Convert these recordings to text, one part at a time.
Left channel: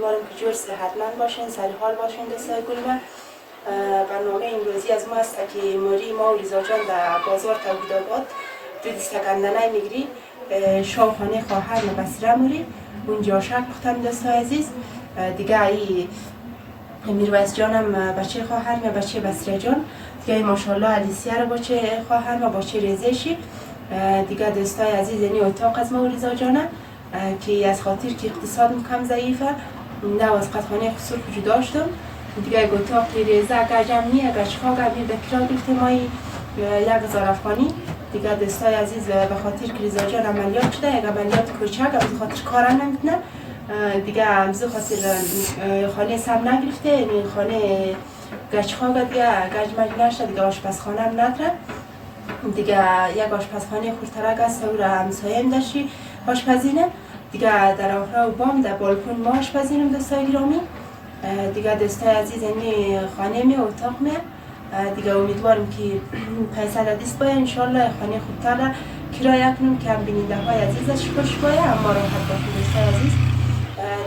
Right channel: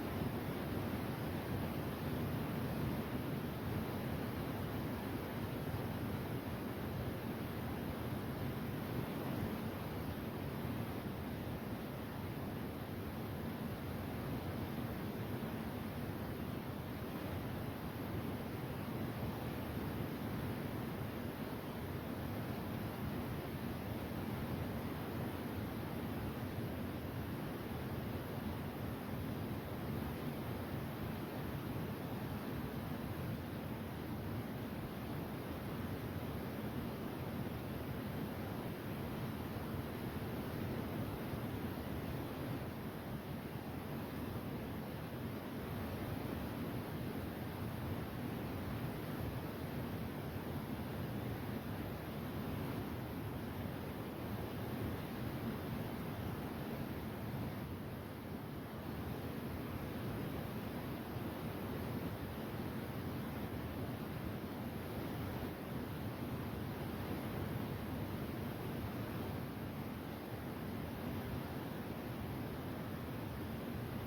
امیدوارم که جور صحتمند باشین، سر حال باشین دوستای گلم. برنامه امروزی از ما است که ما و ریزا جان در بازار توحید آباد دو دستگندنه میگیری شاوخانه خواهر و بسره موری اونجا شک پختم دوستای عزیز. دیگه ای میرویس جانم بچه خواهر و بچه بسره جان، دیگه ماشاءالله علیسیه رو بچه خواهر و بچه ریزشی. دیگه دوستای عزیز یعنی اتاق از ما و ریزا جانم که از خاطر که اقتصاد کم ضعیفه نه از قطعانه خسور جدا شدم. دیگه اتاق ریزه اگر جمع نیه اگر چکا گردید به کرا گرفتیم مایی 1000 افغانی. دیگه دوستای عزیز به خاطر که ریزا جان عملیات شده یک عملیات کوچک از خاطر کارم نمیتونه دیگه از خاطر خانه سم نگرفته، یعنی خانه گچخا دیگه گچ مج نشده دیگه آشپزخانه هم نداره. دیگه یک آشپزخانه خورترک است و همسایم داشتی آشپزینه. دیگه در آخر و بام در بالکن ما آشپزینم دوستای گرامی. دیگه دوستای عزیز یعنی خانه می اتاق می دیگه امیدوارم که پیسه دست باید انشالله خانه خوبتر را کرایه کنم که هم بیننده های عزیزش خوش باید اما راحت باشین دوستای عزیز.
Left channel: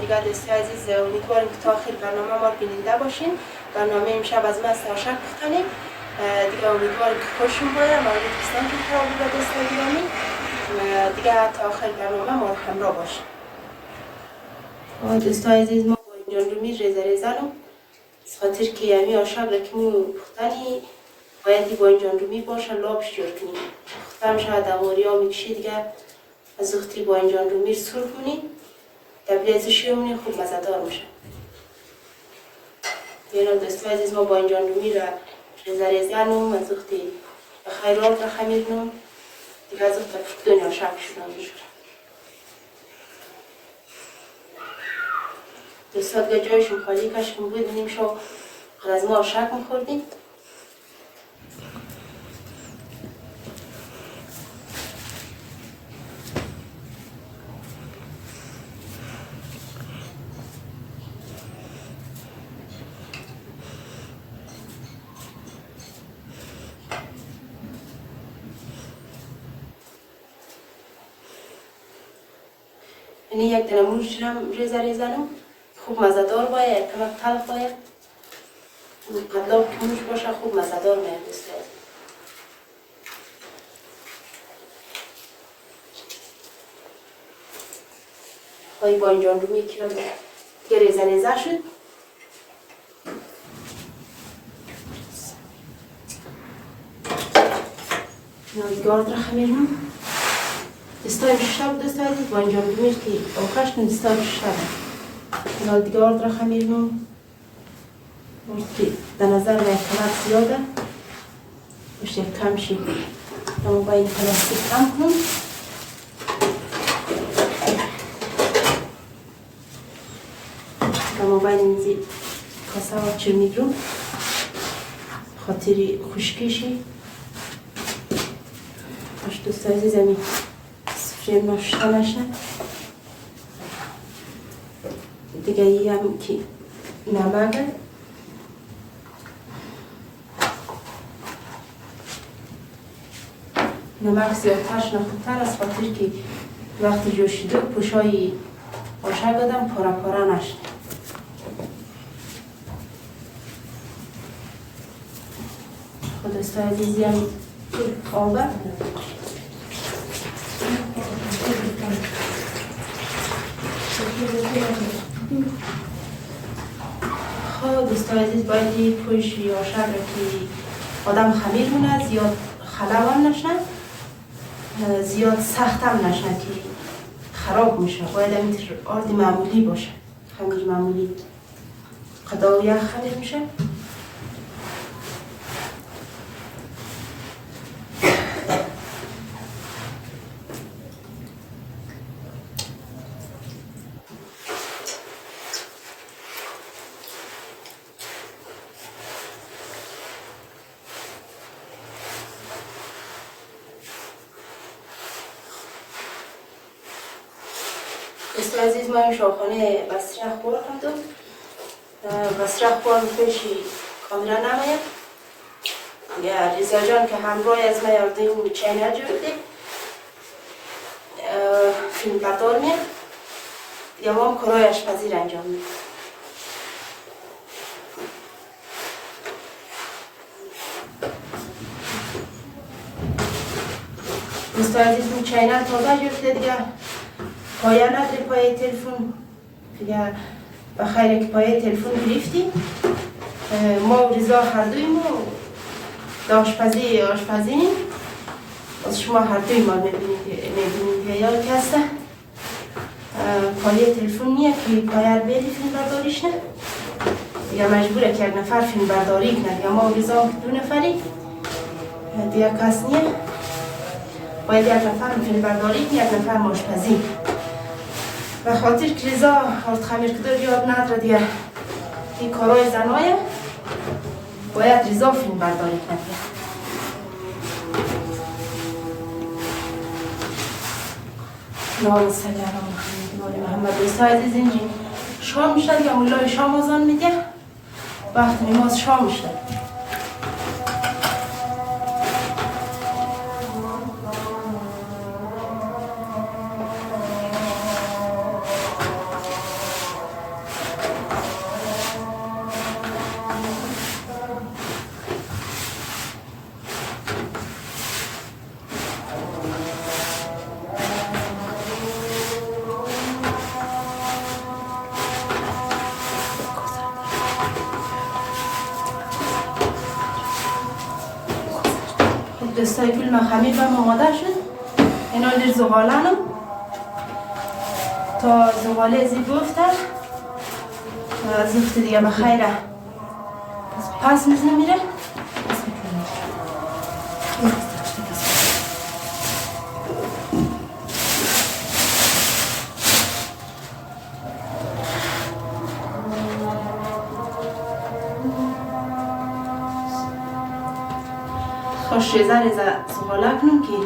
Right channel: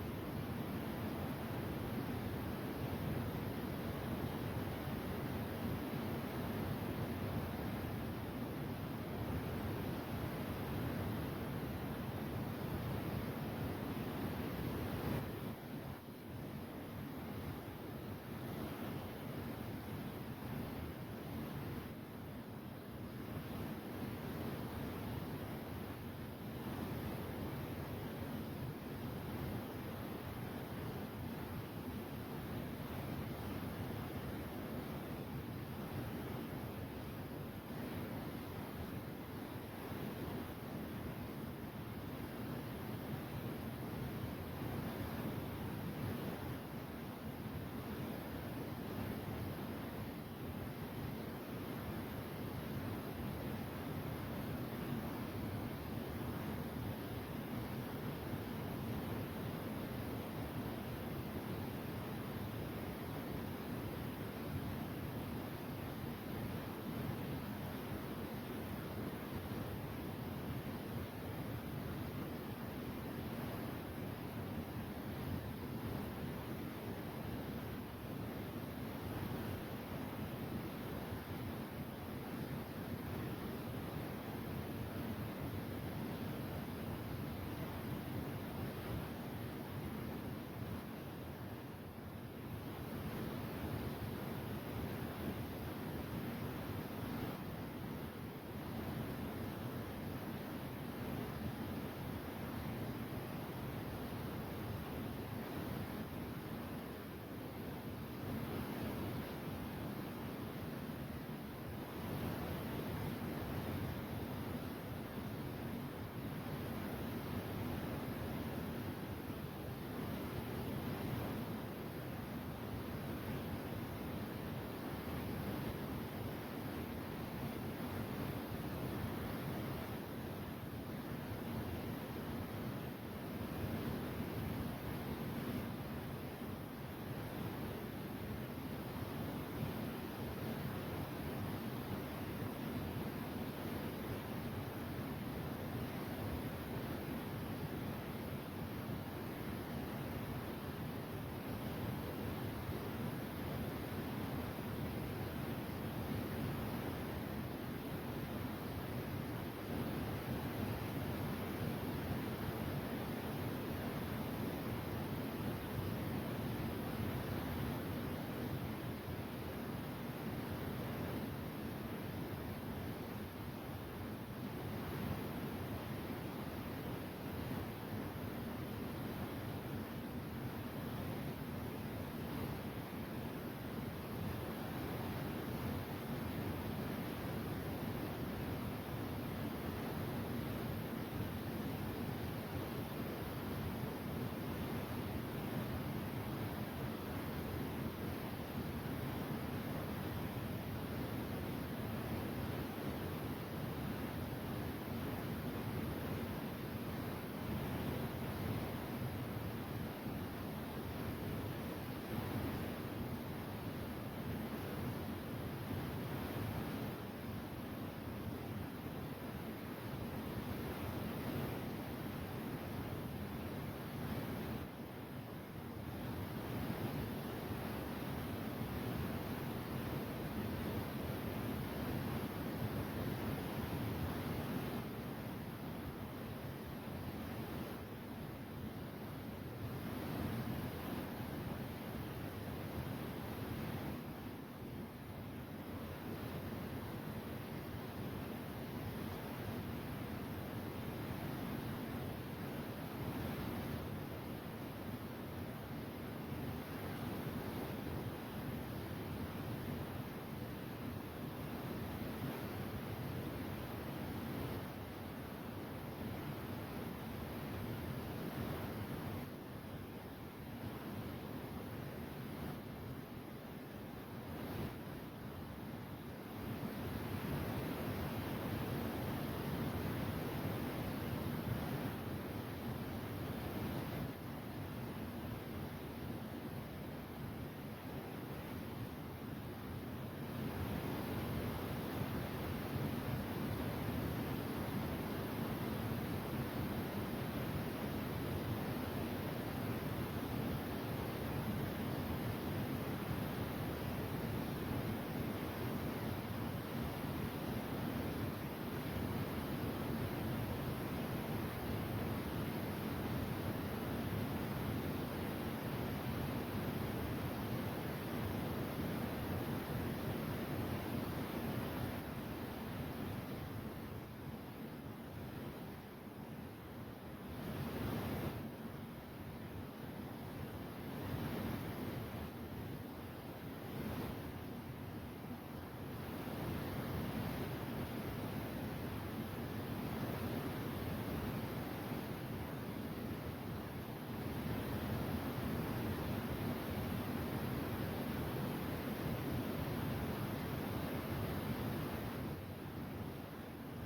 دیگه دوستای عزیز امیدوارم که تا آخر برنامه ما بیننده باشین. برنامه امشب از ما است آشک بختنیم. دیگه امیدوارم که خوشم باید مورد دوستان که تا بود دوستای گرامی. دیگه تا آخر برنامه ما همراه باشین. دوستای عزیز ما با اینجان رو می ریزنم از خاطر که یمی آشک را که مو پختنی باید با اینجان رو می باشه لابش جور کنیم. پختم شاید اماری ها میکشی دیگه از اختی با اینجان رو می سرخ کنیم دبلیزشی همونی خوب مزدار میشه. بیرون دوستای عزیز ما با اینجان رو می را ریزنم از اختی خیرات را خمیرنم دیگه از اختی دنیا شک شدم میشه. دوستان دیگه جایشون خالی کشکم بود نیم شو از ما آشک میخوردیم. یعنی یک دنه موش هم ریزنم خوب مزدار باید، کمک تلخ باید قدلاب که موش باشه خوب مزدار باید دوستای خواهی با اینجان رو میکنم که ریزه شد. نازگارد را خمیرم دستای شب دوستای عزیز با اینجان رو میکنم که آخرش کن دستای شب نازگارد را خمیرم که در نظر من کمک زیاده باشه کم شید اما با این پلاستیک کم کنم. اما با این زیر کاسه ها چه میگرم خاطری خشکیشی باش دوستای عزیز همی سفره ناشته نشه. دیگه ای هم که نمکه نمک زیادترش نخوبتر از خاطر که وقتی جوشیده پوشای آشک دادم پاره پاره نشد. خود دوستای عزیزی هم آبه خب دوستای عزیز باید پوش یا آشک را که آدم خمیر مونه زیاد خلو هم نشن زیاد سخت هم نشن که خراب میشه. باید همین آرد معمولی باشه خمیر معمولی قدا و یخ خمیر میشه. دوستای عزیز ما این شاخانه بسره خور کردم بسره خور پیشی کاملا نماید یا ریزا جان که همراه از ما یارده اون چینل جورده فیلم پردار میاد یا ما کارهای آشپزی را انجام میدیم. دوستان عزیز این چینل تازه گرفته دیگه پایه نداره پایه تلفن دیگه بخیره که پایه تلفن گرفتیم ما و رضا هر دوی ما آشپزی از شما هر دوی ما میبینید که یاد کسته پایه تلفن نیه که پایه رو بیدی فیلم برداریش نه دیگه مجبوره که یک نفر فیلم برداری کنه دیگه ما و رضا دو نفری دیگه کس نیه باید یک نفر فیلم برداری کنه یک نفر آشپزی و خاطر که رضا آرد خمیر کدر یاد نداره دیگه این کارهای زنایه باید رضا فیلم برداری کنه اللهم صل علی محمد. دوستان عزیز اینجا شام میشه دیگه مولای شام آذان میده وقت نماز شام میشه دستای گل من خمیر بم آماده شد اینا لیر زغالانم تا زغاله زی بفته زفت دیگه بخیره پس میزنه میره خوش ریزه زغاله کنم که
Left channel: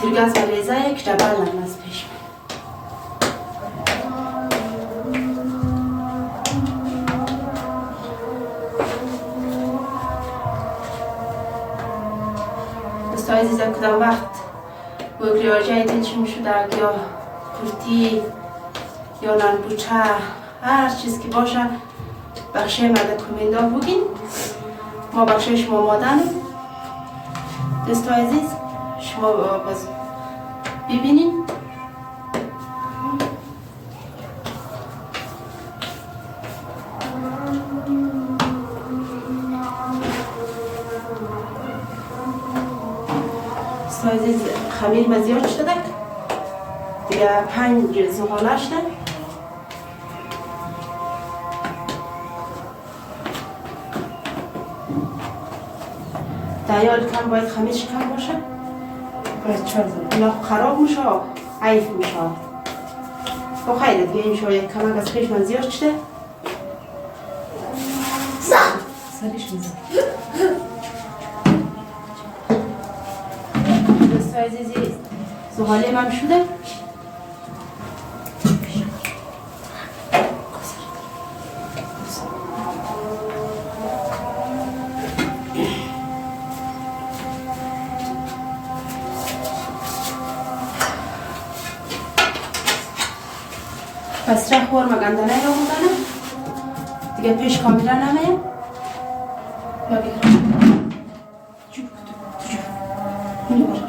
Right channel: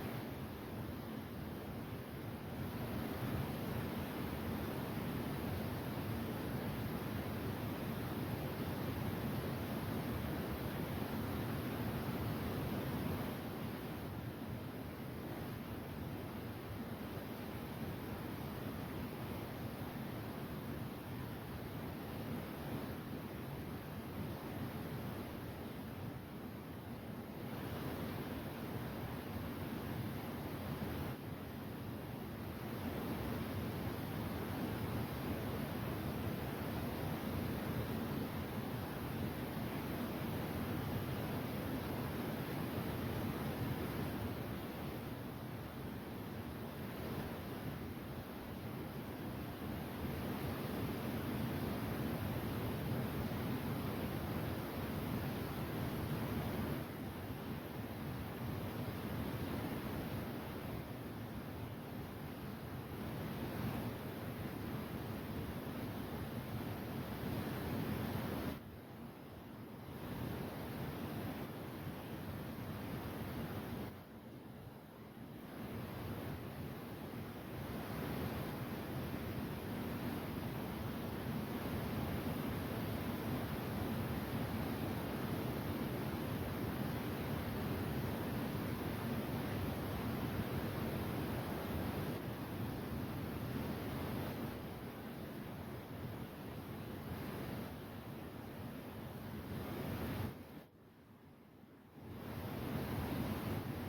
ترگز و ریزه یک جبل هم از پیش دوستان عزیز کدام وقت گوگریاجه دلشون شده یا کرتی یا نانبوچه هر چیز که باشه بخشه مده کمندا بگین ما بخشه شما مادن دوستان عزیز شما باز ببینین دوستان عزیز خمیر مزیاد شده دیگه 5 زغاله شده دیال کم باید خمیرش کم باشه باید 4 زغاله خراب میشه عیف میشه با خیلی دیگه این شاید کمک از پیش من زیاد شده سریش میزن دوستان عزیزی زغاله من شده پس رخ ورم گندنه رو بودنم دیگه پیش کاملا نمیم یا بگرم جو اینو باشم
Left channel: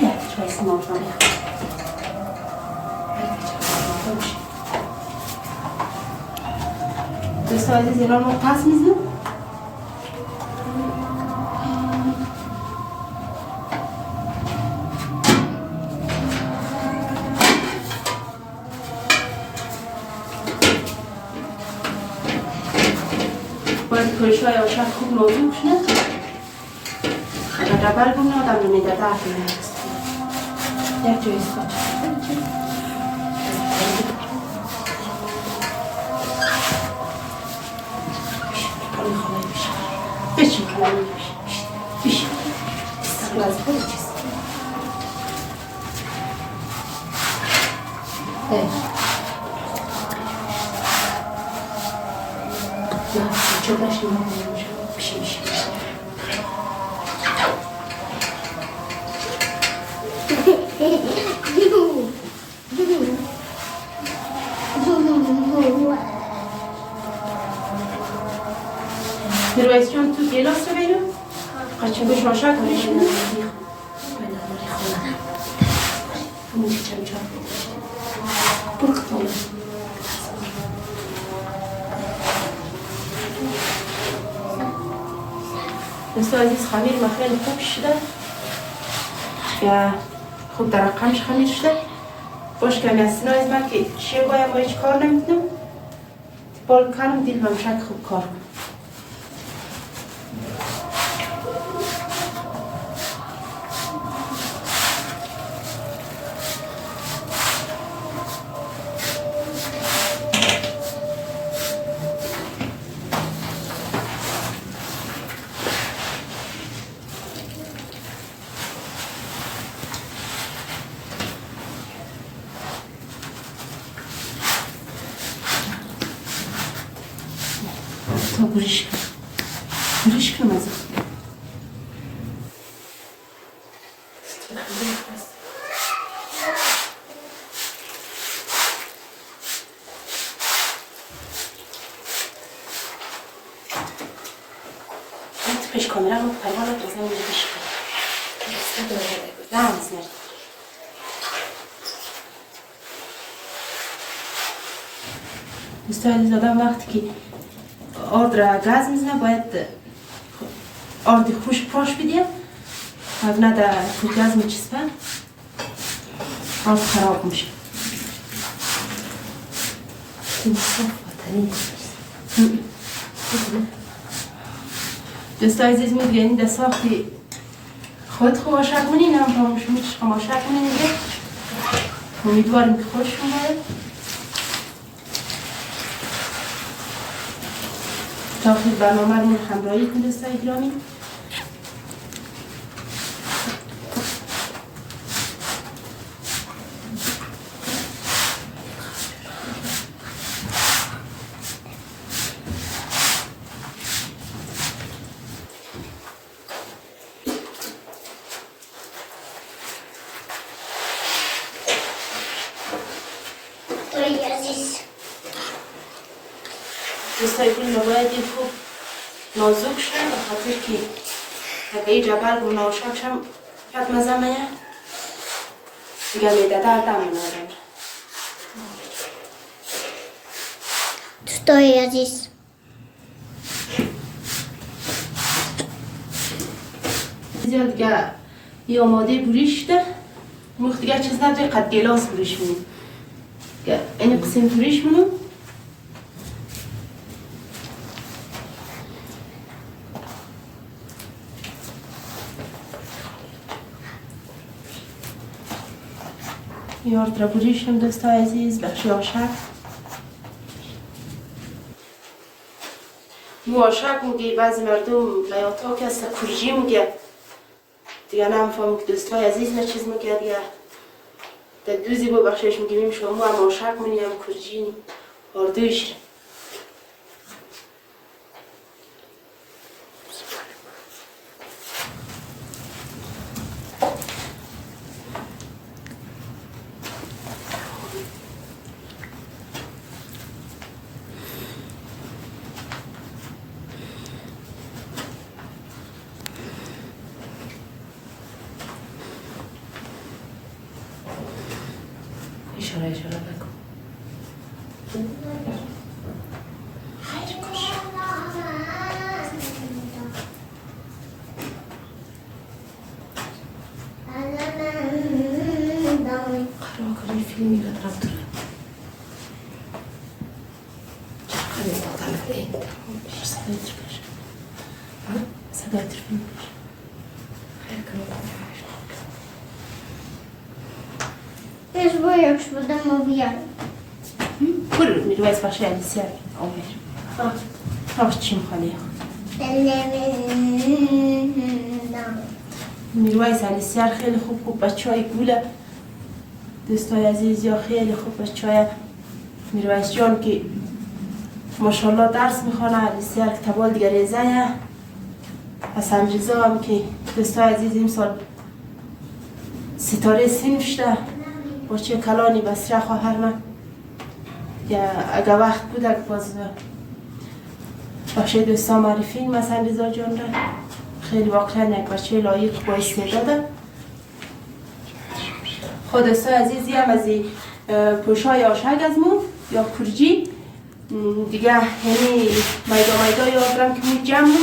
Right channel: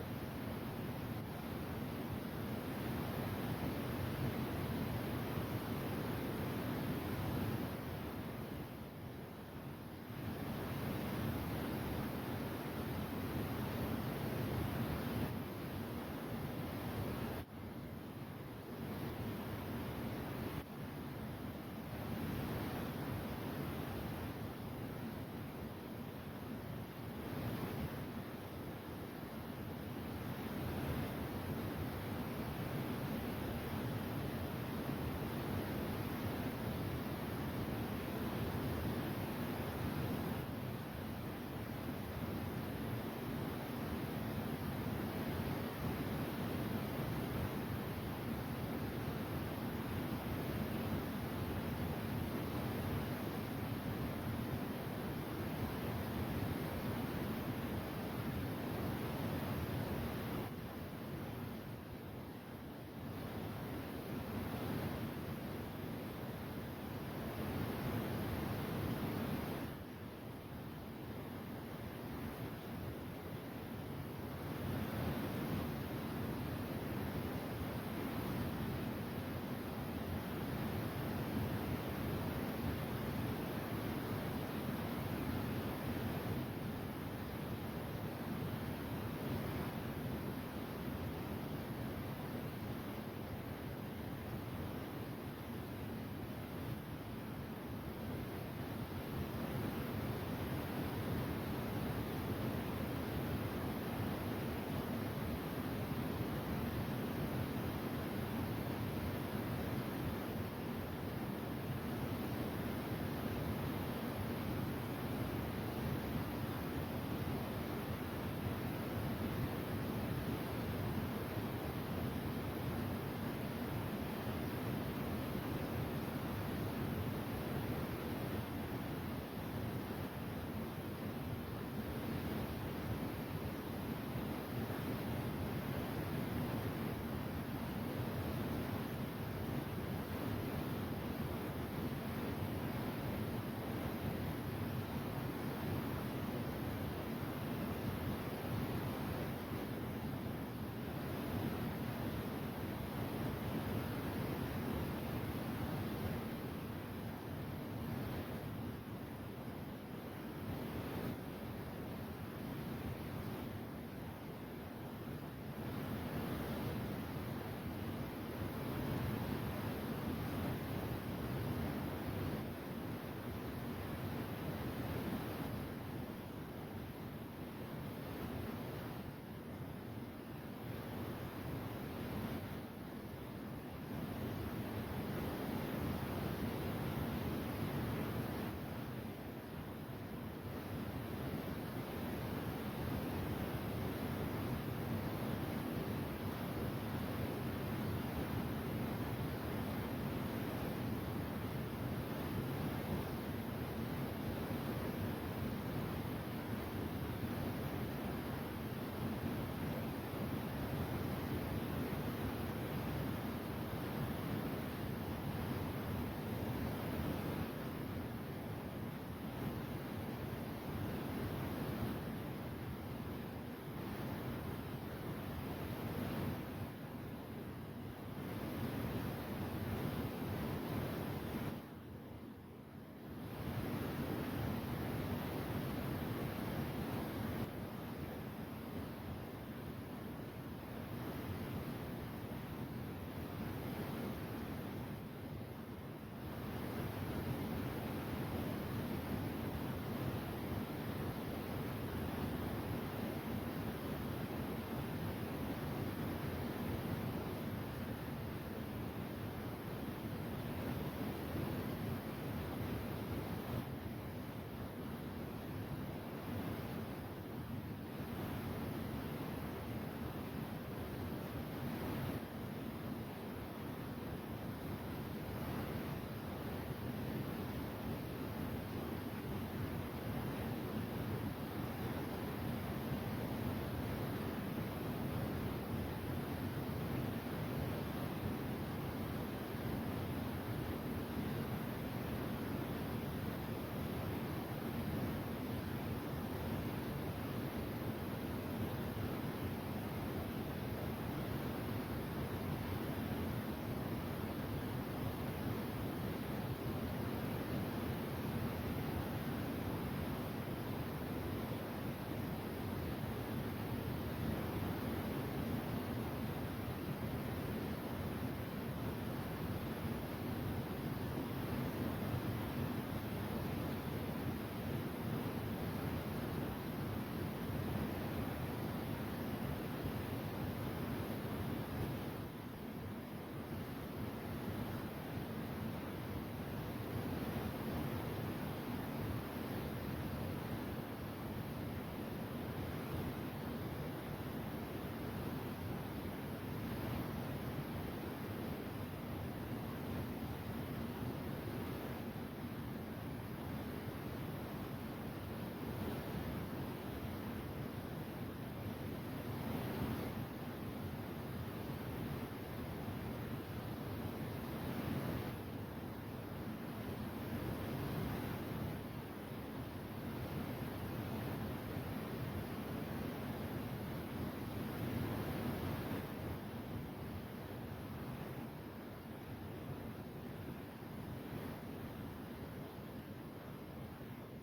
بیا چای سیمان کنم دوستان عزیز اینا رو پس میزنم کلشای آشد خوب نازوک شده اگر ربل بونه آدم نمیده درد نمیست یک جای اسکاچ خالی خالی بیشه بشین خالی بیشه بیشه استقل از خود چیست چه باشیم بیشه بیشه میرویس جان تو گلاس رو بینم قچه به شاشک بریشیم دوستو عزیز خمیر ما خیلی خوب شده یا خوب در رقمش خمیر شده باش کمی از سینه از من که شیرگایم با هیچ کار نمیتونم بال کنم دیل همشک خوب کار کنم تا گریش کنم از پیش کامرا رو پروانه بزنم میشه دوستان زدم وقتی که آرد را گاز میزنه باید آرد خوش پاش بدیم و نه در گاز میچسبه آرد خراب میشه دوستان عزیز میگوین در ساختی خود خواشک کنین هم همشونیش خماشک کنین دیگه امیدواریم که خوششون باید تا آخر برنامه رو همراهی کنید دوستان گرامی دوستای گل باید خوب نازک شد به خاطر که اگه این جبل رو ناشاک شم فقط مزه میه دیگه میده دردم نداره دوستای عزیز زیاد دیگه این آماده بریش ده مخت دیگه چیز نداره قد گلاس بریش منیم این قسم بریش منیم یارد را بریشم دوستای عزیز بخشی آشک مو آشک میگه بعضی مردم بیاتا که است کرجی میگه دیگه نمیفهم که دوستای عزیز نه چیز میگه دیگه در دوزی با بخشش میگیم شما هم آشک منیم کرجی آردوش اشاره بکن خیر کش قرار کنی فیلمی را رفت دارم چقدر مختلفه صدای ترفیش صدای ترفیش خیر کنی Też boję, już będę mówiła. برو میرویس بخشی علیسیار آمیر آش چیم خالی میرویس علیسیار خیلی خوب بچه های گوله دوستای عزیز یا خیلی خوب بچه های میرویس جان که ماشاءالله درس میخوانه علیسیار که تبال دیگر ریزه حسن رضا هم که دوستای عزیز این سال ستاره سین شده با چه کلانی بسیار خواهر من یا اگه وقت بود اگه باز باشه دوستان معرفی مثلا رضا جان را خیلی واقعا یک بچه لایق با استعداده. خود دوستان عزیزی هم از پوشای آشک از مو یا کرجی دیگه یعنی میدا یا برم که مو جمع مو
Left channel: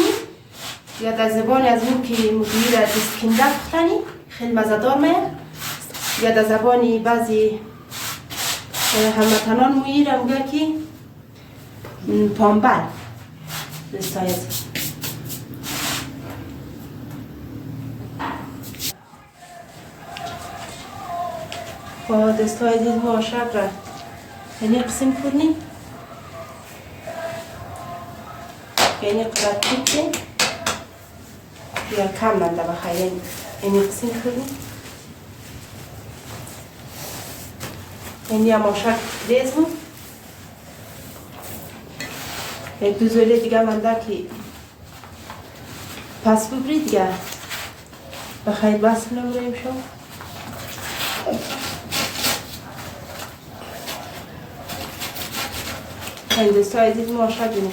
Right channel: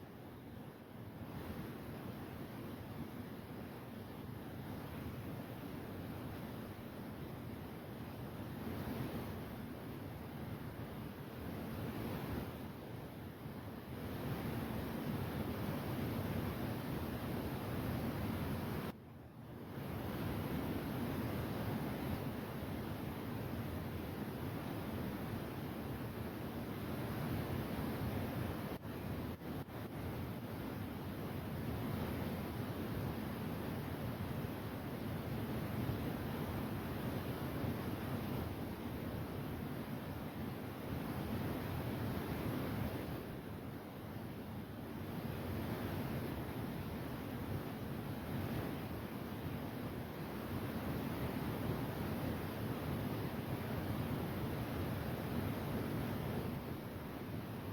یا در زبان از مو که مگویی را دستکنده بختنی خیلی مزدار میه یا در زبانی بعضی هموطنان مویی را میگه که پامبر دوستان عزیز. با دوستان عزیز ما آشک را یعنی قسم کنیم یعنی قرد کنیم یا کم منده بخیر یعنی قسم کنیم یعنی هم آشک ریزم یک دو زوله دیگه منده که پس ببری دیگه بخیر بس نموریم شما این دوستان عزیز ما آشک بینیم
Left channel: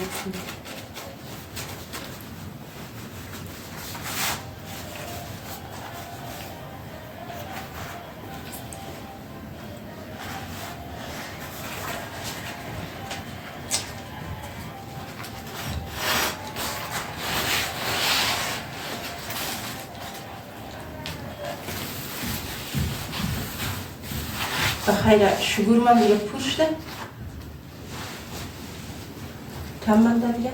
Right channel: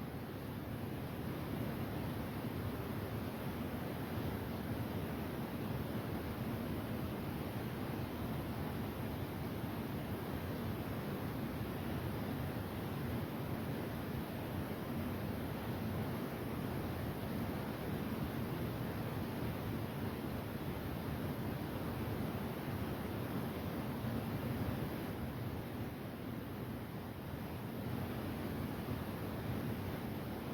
بخیر شگور من دیگه پوشته کم من در دیگه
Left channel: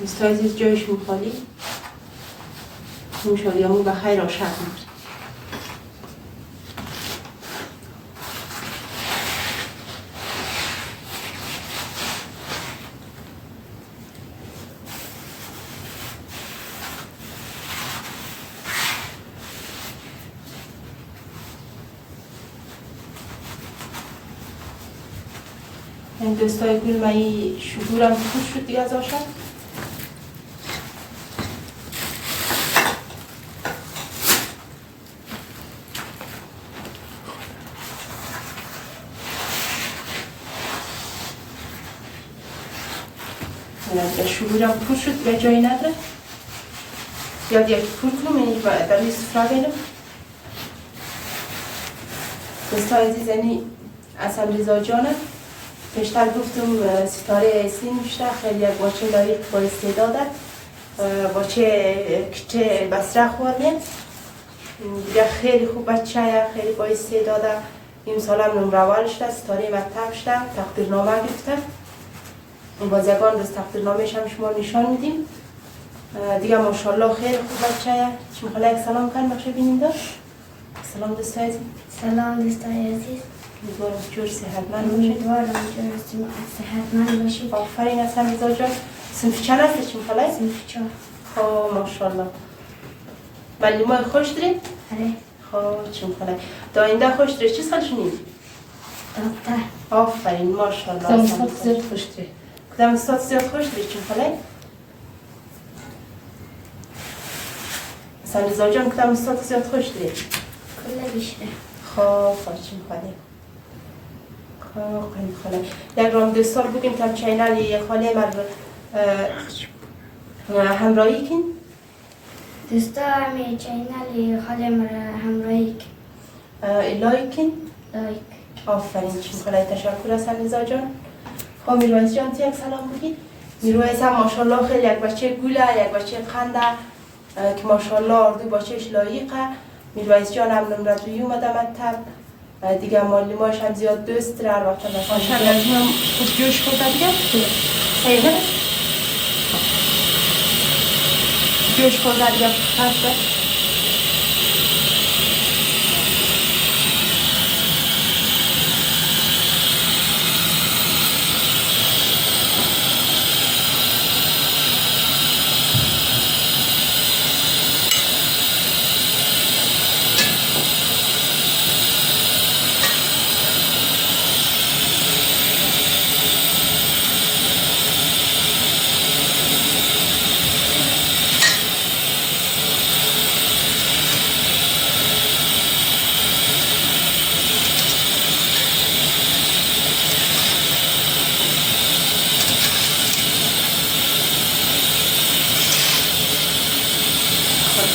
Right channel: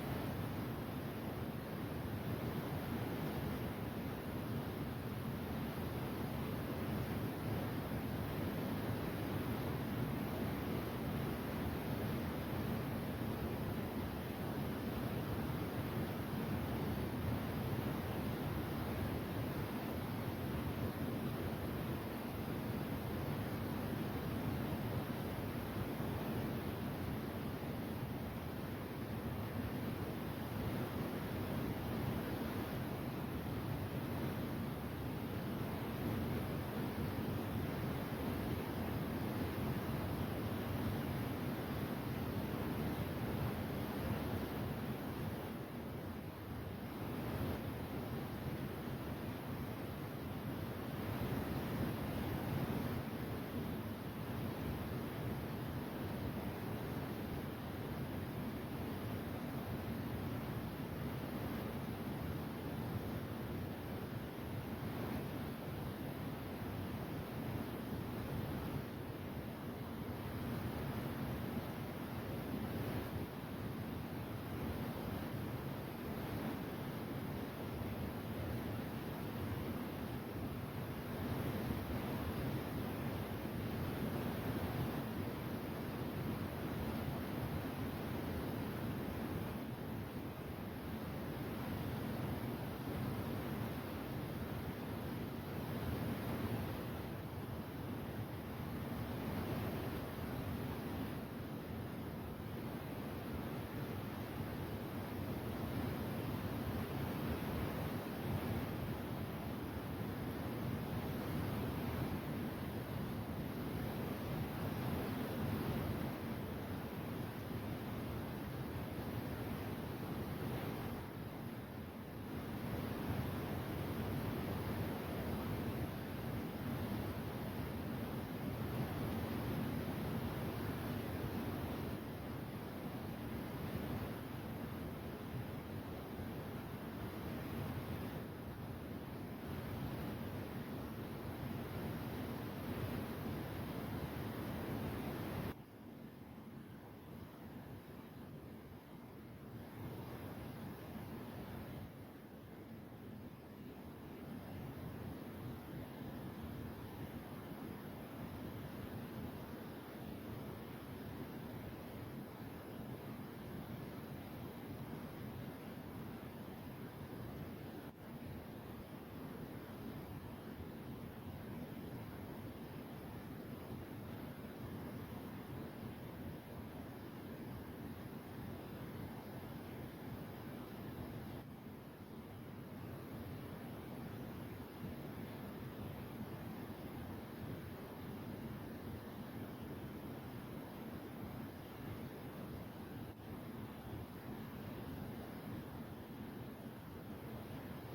دوستان عزیز جایش خالی نمیشد یا مو بخیر آشک میشه این دوستای گل مایی شگورم خوش شد دیگه از آشک شگورم پر شد به جایی نداره یا دیگه پر کنم اینی در روی سفره بینم دوستای عزیز یعنی اصلا رضا جانه پیشتر گفتم ستاره اصلی نوشته خیلی یک باچه لایق با استعداده باچه کچه بسره خورده دیگه خیلی خوب بچه خیلی با استعداده این سال هم نمره اول شده ستاره مکتب شده تقدیرنامه گرفته بازیگان دست تقدیرنامه‌اش هم شما نشان میدیم دیگه ماشاءالله خیلی خوب بچه شما خاله یک سلام کن بخشه بینیم داشت سلام دوستای عزیز سلام دوستای عزیز امیدوارم جور صحتمند باشید امیدوارم جور صحتمند باشید آفرین از هم رضا جان صنف چند هستی شما خاله؟ صنف 4 خب ماشاءالله معلمای خوش دارید؟ آره خب چون خاله تا آینده خوش دارید چه سال شنید؟ دکتر آفرین ماشاءالله کدام استاد زیاد خوش دارید؟ کدام استاد زیاد خوش دارید چون خاله؟ مثلا رضا جان کدام استاد زیاد خوش دارید؟ کل بیشتر خب چون خاله خاله یک رام دوستار بگیم که چینل خاله مر همراهی کن دوستا همی چینل خاله مرا همراهی لایک کن لایک آفرین چون خاله تشکر از رضا جان خب میرویز جان تو یک سلام بگید میرویز هم ماشاءالله خیلی یک بچه گوله یک بچه خنده که ماشاءالله اردو بچهش لایقه میرویز جان هم نمره دوی اومده مکتب دیگه معلماش هم زیاد دوست داره هر وقت مثلا از هم خوب جوش خورده دیگه صحیح نه جوش خورده دیگه خسته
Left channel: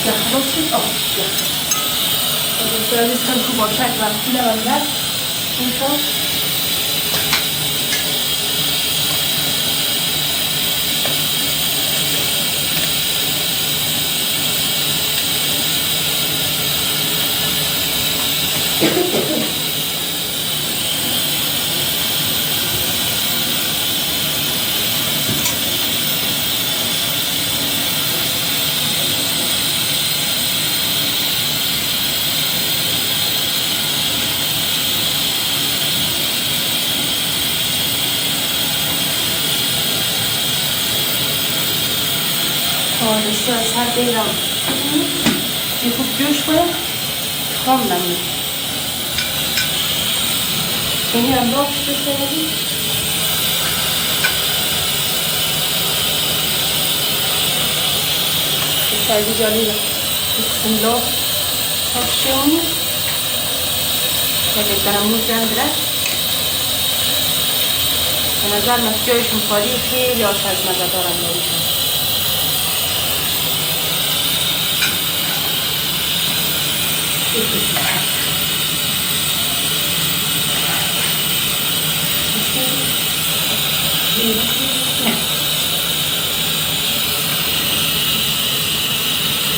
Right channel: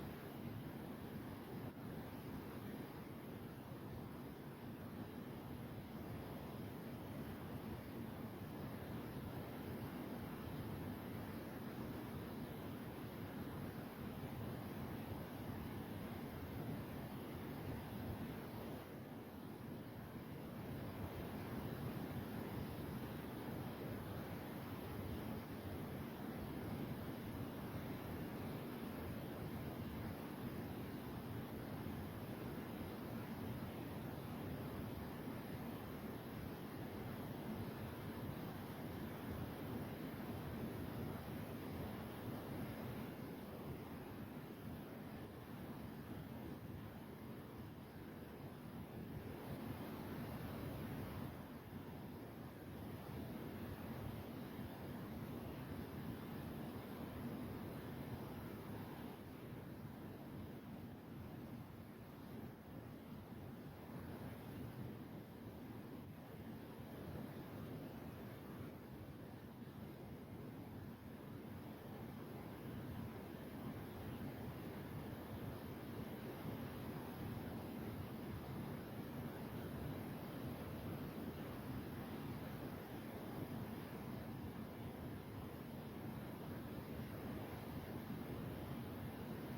یا خلاص شد سعزیز خیلی خوب با شک وقتی لبندر این شد بسیار سر بیرم یه خوب جوش کنه خام نمید اینی هم باش بسیاری بسیاری جانی بسم الله خوش شونی خیلی درمون جندره به نظر من جایش مخالی خیلی آشد مزه دارم یاریشون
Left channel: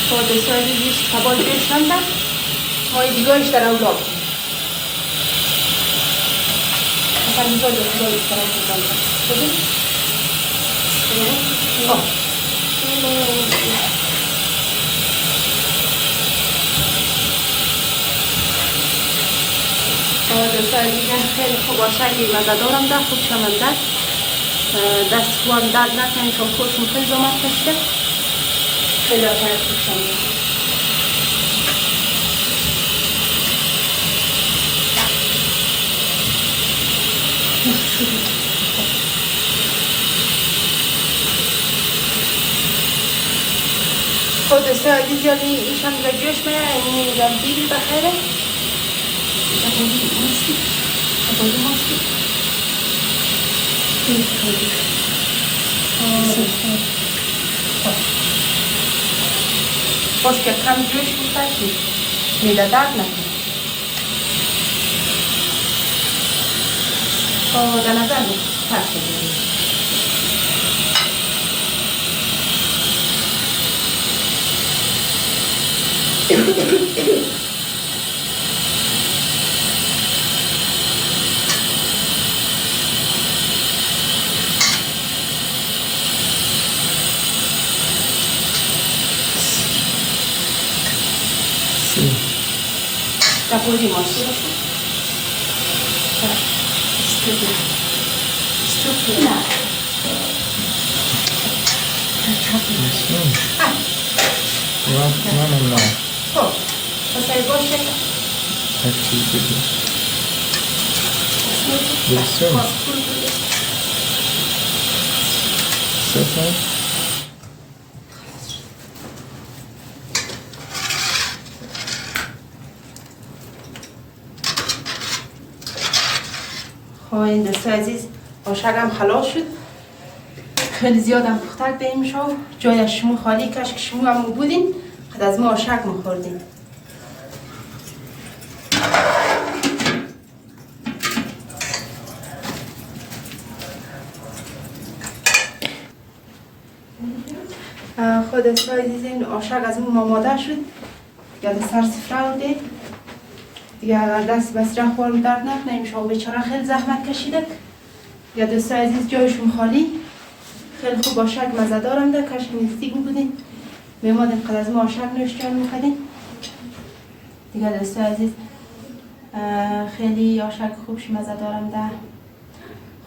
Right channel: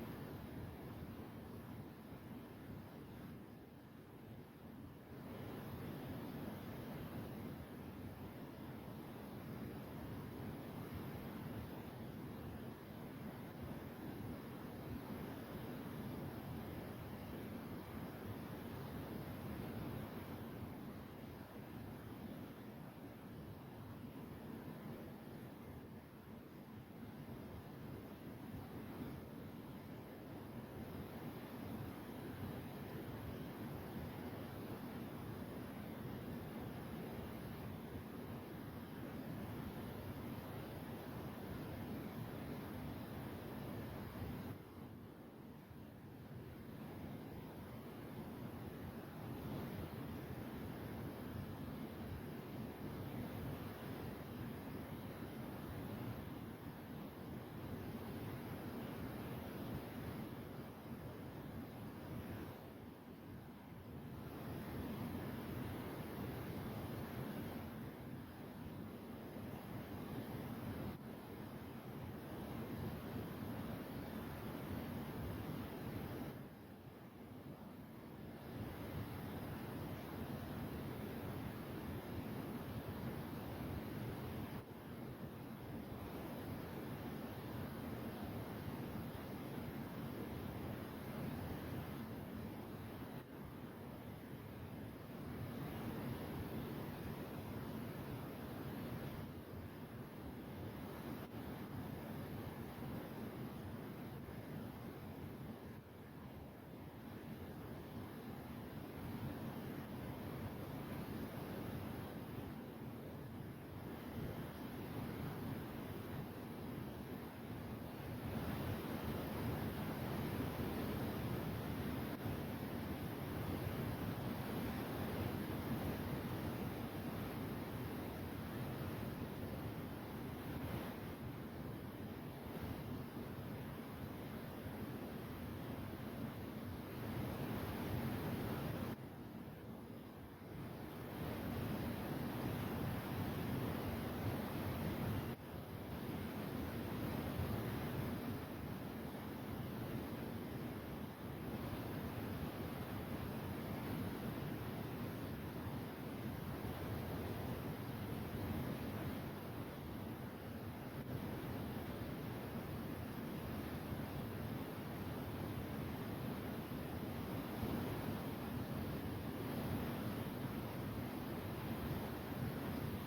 خود سازی دیش کبال جوش نمده های دیگاهش در اولاد اصلا میزاد دیگاهش در اولاد خودی؟ سازیگه خیلی خوب آشنگی مزه دارم ده خوب شمنده دست خوام درد نکنی چون خوشم خیلی زمان کشته خیلی آشنگ خوب شمنده خود سازی جالی ایشان رجوش میره این جمعی بخیره باش که کم جوش می‌پاشی میده درد نکنه در نظر پرسه بگیریم Da poi mostro. Stupido. No. Oh, cosa hai voce? این دسته عزیز آشگم خلاص شد خیلی زیادم پختک دهیم شو جای شمو خالی کش که شمو هم بودین خد از ما آشک مخوردیم خود دسته عزیز این آشک از ما ماماده شد یاد سر سفره بوده دیگه اگر دست بس رخ بارم درد نکنه شما بیچاره خیلی زحمت کشیده یا دوستا عزیز جایشون خالی خیلی خوب آشک مزه دارم ده کاش نیستیگ بودین میمادین قد از ما آشک نوشجان میکردین دیگه دوستا عزیز خیلی آشک خوبش مزه دارم ده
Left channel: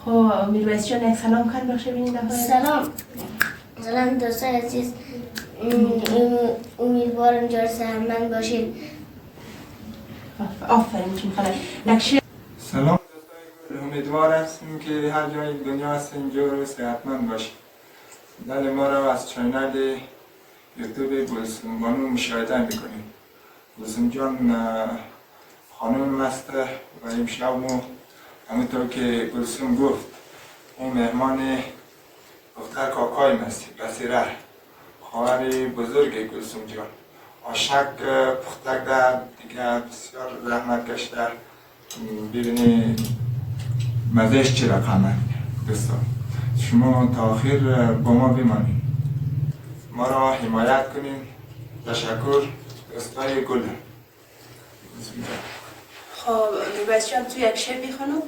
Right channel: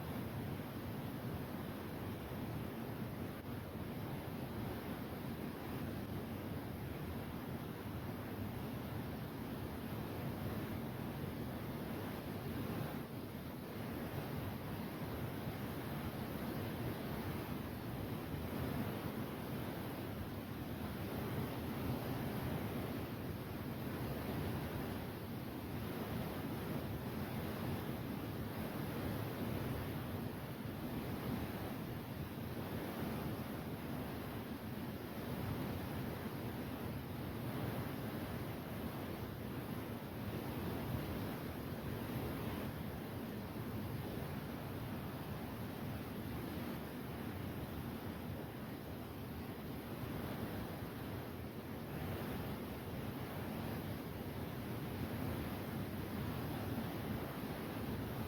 خب میرویس جان یک سلام کن باشه بینید سلام دوستا عزیز امیدوارم جای سهمن باشید آفرین چون خاله سلام امیدوار هستیم که هر جای دنیا هست اینجا صحتمند باشیم دل ما را از چینل یوتیوب گلسوم بانو مشاهده میکنیم گلسوم جان خانم است و امشب همونطور که گلسوم گفت این مهمان دختر کاکای است بسیره خواهر بزرگ گلسوم جان آشک پختک در دیگه بسیار زحمت کشته ببینی مزهش چی رقمه دوستان. شما تا آخر با ما بمانید، ما را حمایت کنین. تشکر. دوستای گل. خب نوبت جان تو یک شعر بخونم.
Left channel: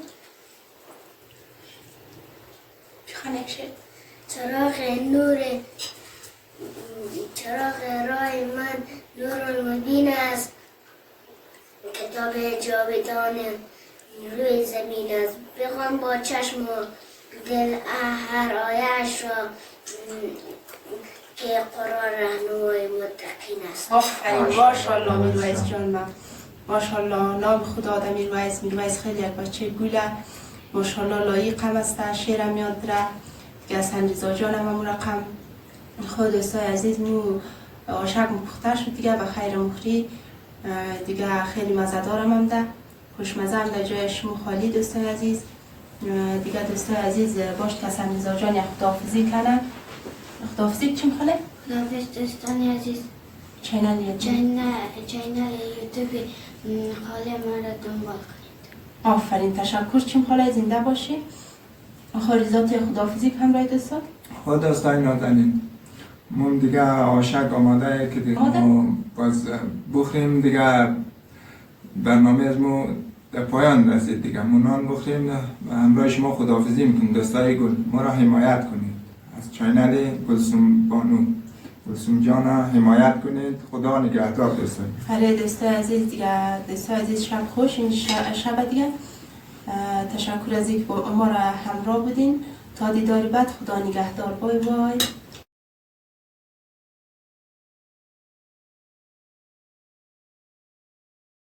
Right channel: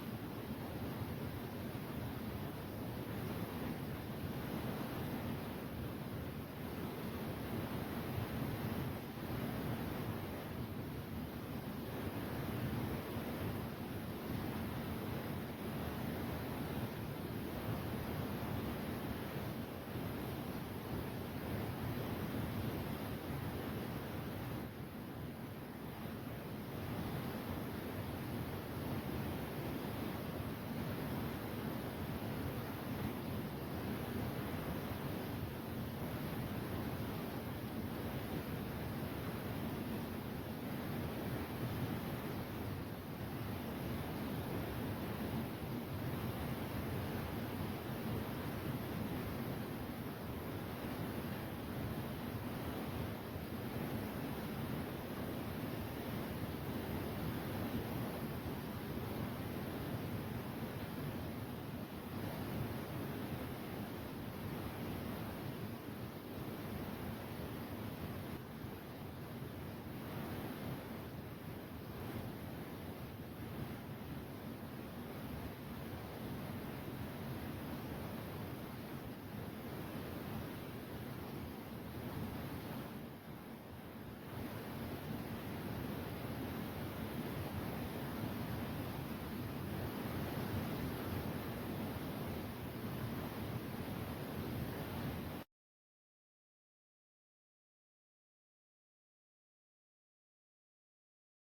بخون یک شعر. چراغ راه من نور المبین است، کتاب جاودان روی زمین است. بخوان با چشم و دل هر آیه‌اش را که قرآن رهنمای متقین است. آفرین، ماشاءالله میرویس جان. من ماشاءالله نام خدا آدم میرویس خیلی یک بچه گوله، ماشاءالله لایق هم است. شعرم یاد داره که حسن رضا جان هم همون رقم. خود دوستای عزیز مو آشک مپخته شد دیگه، به خیر مخری دیگه. خیلی مزه‌دارم هم ده، خوشمزه هم در جای شما خالی. دوستای عزیز دیگه، دوستای عزیز باش که حسن رضا جان یک خداحافظی کنه. خداحافظی چیم خاله؟ خداحافظ دوستان عزیز. چینل یوتیوب خاله ما را دنبال کنید. آفرین، تشکر. چیم خاله، زنده باشی. آخریزات خداحافظی هم رای دوستان. خود دوستای نازنین، من دیگه آشک آماده که دیگه ما باز بخوریم دیگه. برنامه از ما در پایان رسید دیگه. منان بخوریم و همراه شما خداحافظی میکنیم. دوستای گل، ما را حمایت کنید. از چینل گلسوم بانو، گلسوم جان حمایت کنید. خدا نگهدار دوستان. برای دوستای عزیز دیگه، دوستای عزیز شب خوش. این شب دیگه تشکر از اینکه ما را همراه بودین. تا دیدار بعد، خدا نگهدار. بای بای.